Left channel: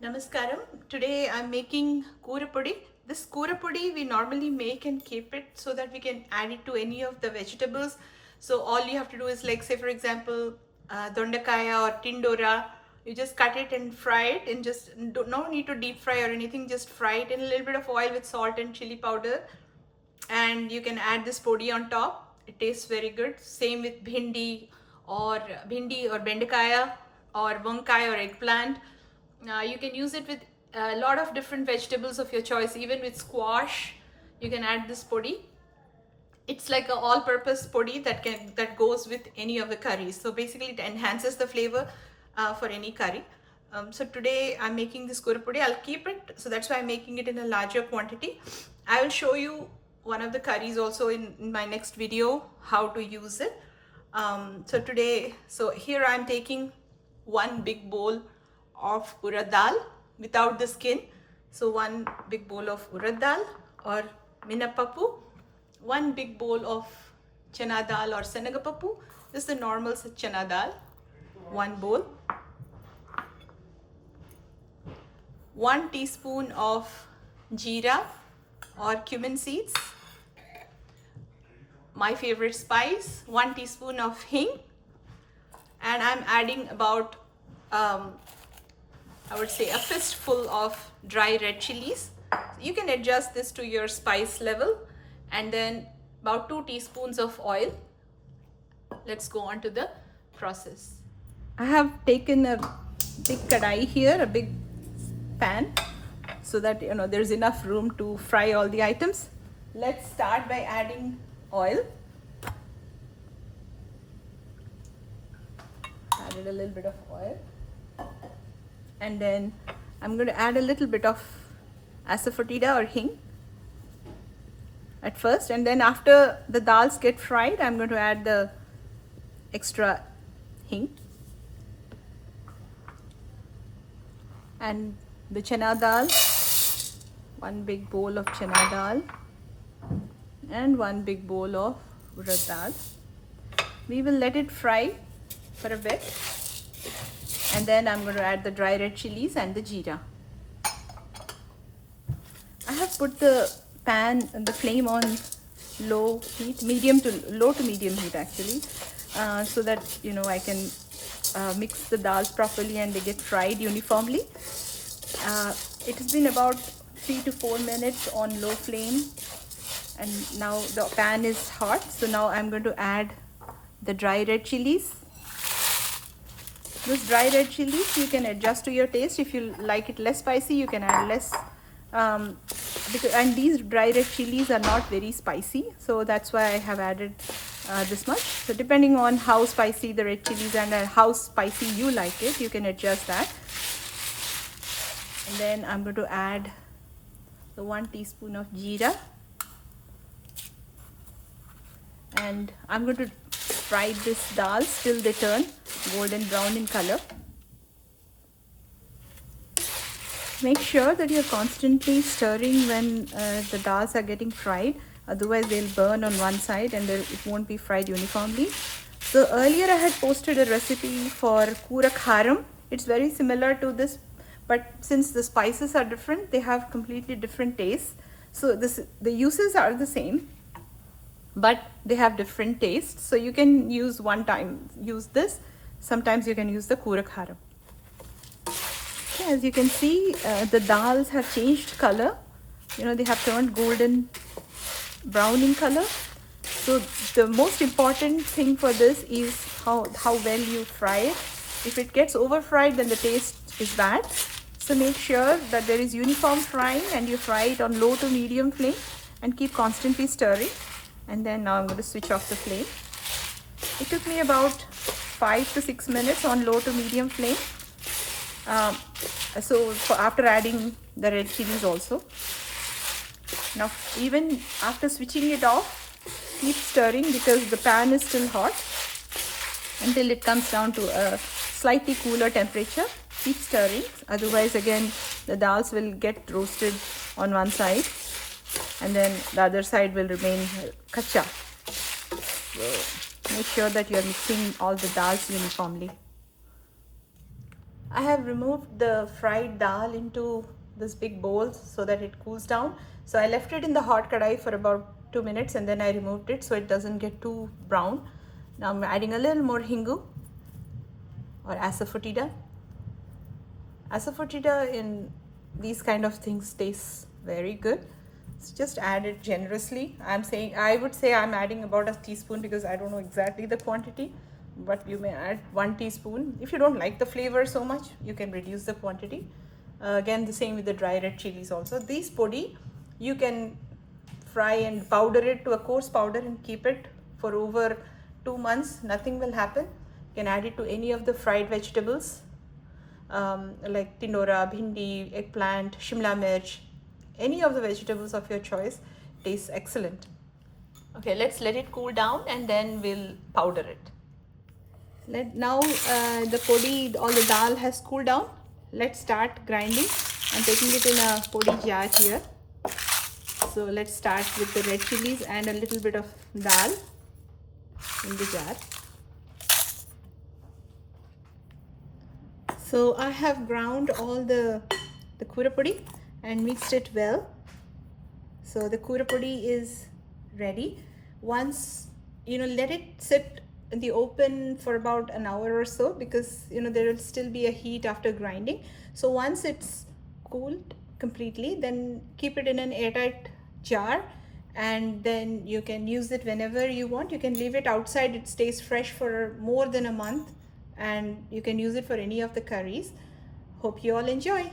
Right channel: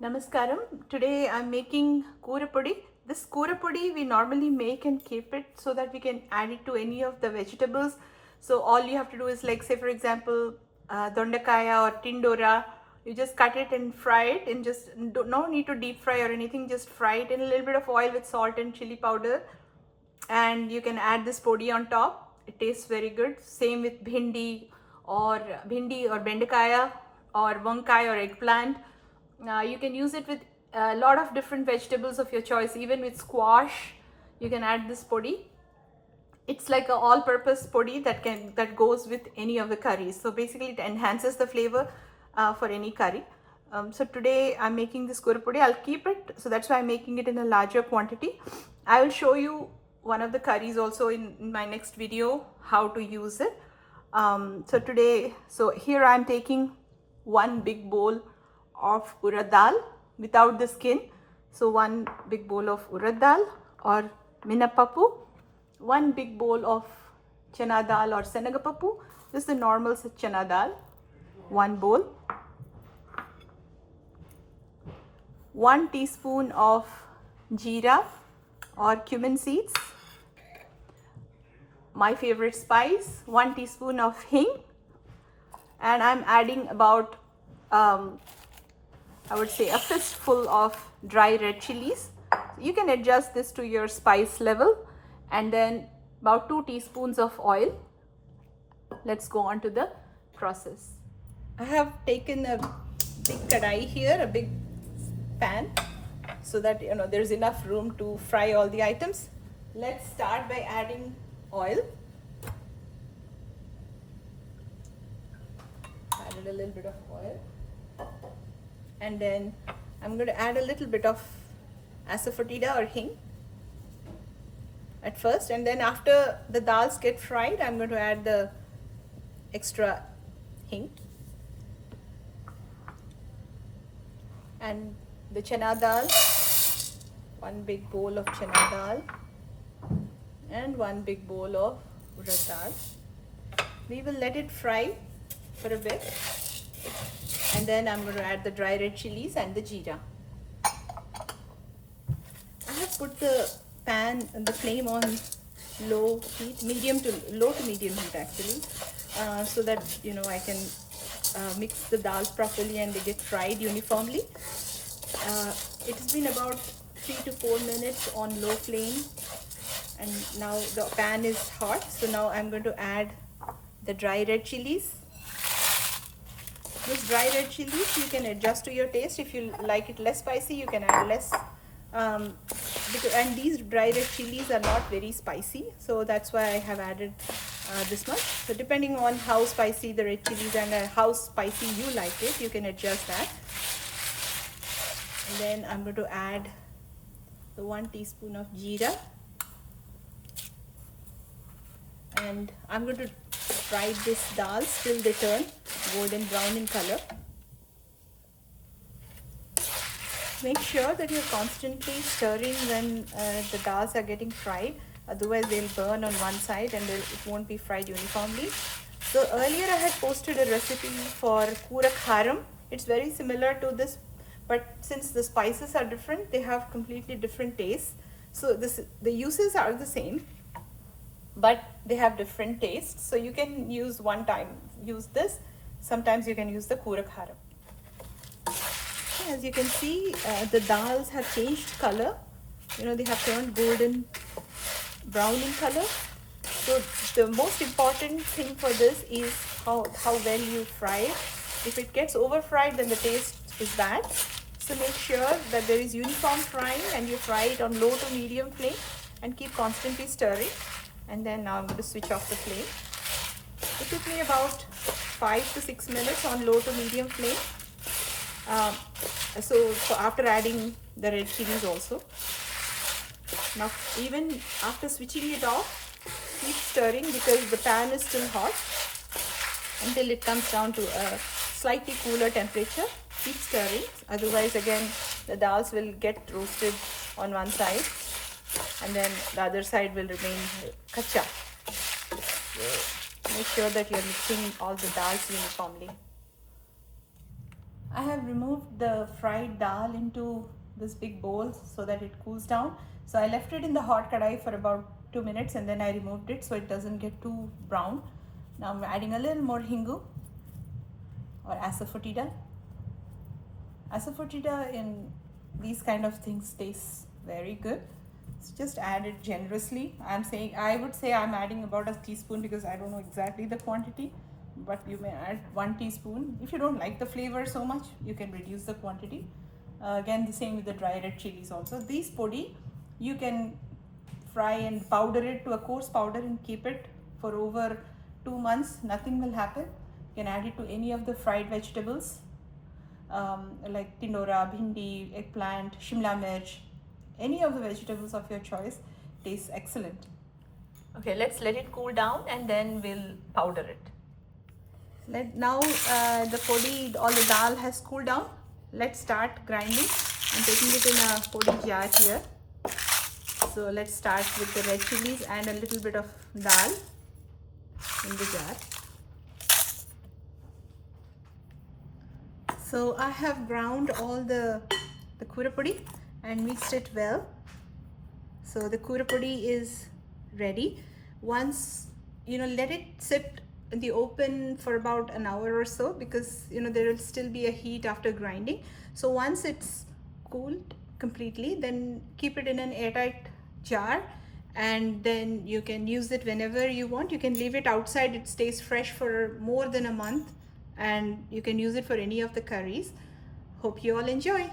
Namaskaram. Today I'm making Koora Podi. This Koora Podi we normally make and keep it so that we can add it to any of the vegetables. So all you have to do is, like, say for example, dondakaya or tindora. You just cut it and fry it, and just no need to deep fry or anything. Just fry it in a little bit of oil with salt and chili powder, and you can add this podi on top. It tastes very good. Same with bhindi or bendakaya or vankai or eggplant. You can use it with a lot of different vegetables of your choice. Even with squash, you can add this podi. It's like a all-purpose podi that goes with any of the curries. So basically, it enhances the flavor for any curry. So today I'm making this kura podi. I'll keep it, so that's why I'm making it in a larger quantity. I will show you one of the curries also in my next video how to use it. So here I'm taking one big bowl of urad dal without the skin. So one big bowl of urad dal or minapappu, one big bowl of chana dal or senagapappu. This is the normal chana dal, one bowl, 1 teaspoon of jeera or cumin seeds, my favorite spice, 1 teaspoon of hing, and I'm adding about I would say a fistful of dry red chilies. You can adjust this to your spice level, and then about 2 teaspoons of oil. Let's go on to the process. I have taken a big kadai here, a big pan, so that there's enough room to fry all the items. Let's start by adding oil. Added a little bit of oil, and then I'm going to add a little bit of asafoetida or hing at first, and then after the dals get fried, I'm going to add the extra hing and the chana dal, one big bowl of chana dal and one big bowl of urad dal. We will let it fry for a bit, and then I'm going to add the dry red chilies and the jeera. I have put the pan and the flame on low heat, low to medium heat actually, so that I can mix the dals properly and they get fried uniformly. It has been about 3 to 4 minutes on low flame, and now the pan is hot. So now I'm going to add the dry red chilies. Those dry red chilies you can adjust to your taste. If you like it less spicy, you can add less. And these dry red chilies are not very spicy, so that's why I have added this much. So depending on how spicy the red chilies are and how spicy you like it, you can adjust that. And then I'm going to add the 1 teaspoon of jeera, and I'm going to fry this dal till they turn golden brown in color. Make sure that you're constantly stirring when the dals are getting fried, otherwise they'll burn on one side and it won't be fried uniformly. So earlier I had posted a recipe for Koora kharam. It's very similar to this, but since the spices are different, they have completely different tastes. So the uses are the same, but they have different tastes. So you can use this. Sometimes you can use the Koora kharam. As you can see, the dals have changed color. They have turned golden brown in color. So the most important thing for this is how well you fry it. If it gets over fried, then the taste is bad. So make sure that there is uniform frying, and you fry it on low to medium flame and keep constantly stirring. And then now I'm going to switch off the flame. It took me about 5 to 6 minutes on low to medium flame. After adding the red chilies also. Now even after switching it off, keep stirring because the pan is still hot until it comes down to a slightly cooler temperature. Keep stirring, otherwise again the dals will get roasted on one side and then the other side will remain kacha. Make sure that you're mixing all the dals uniformly. I have removed the fried dal into this big bowl so that it cools down. So I left it in the hot kadai for about 2 minutes and then I removed it so it doesn't get too brown. Now I'm adding a little more hingu or asafoetida. Asafoetida in these kind of things tastes very good. So just add it generously. I would say I'm adding about a teaspoon because I don't know exactly the quantity, but you may add 1 teaspoon. If you don't like the flavor so much, you can reduce the quantity. Again, the same with the dry red chilies also. These podi, you can fry and powder it to a coarse powder and keep it for over 2 months. Nothing will happen. You can add it to any of the fried vegetables like tindora, bhindi, eggplant, shimla mirch, any of the vegetables of your choice. Tastes excellent. Okay, let's let it cool down and then we'll powder it. Now the podi, all the dal has cooled down. Let's start grinding. I'm taking it in a podi jar here. So let's start with the red chilies and a little bit of dal in the jar. So I have ground all the Koora podi and mixed it well. So the Koora podi is ready. Once, let it sit in the open for about an hour or so because, there will still be a heat after grinding. So once it's cooled completely, then keep it in an airtight jar and then you can use it whenever you want. You can leave it outside. It stays fresh for more than a month and you can use it for any of the curries. Hope you all enjoy.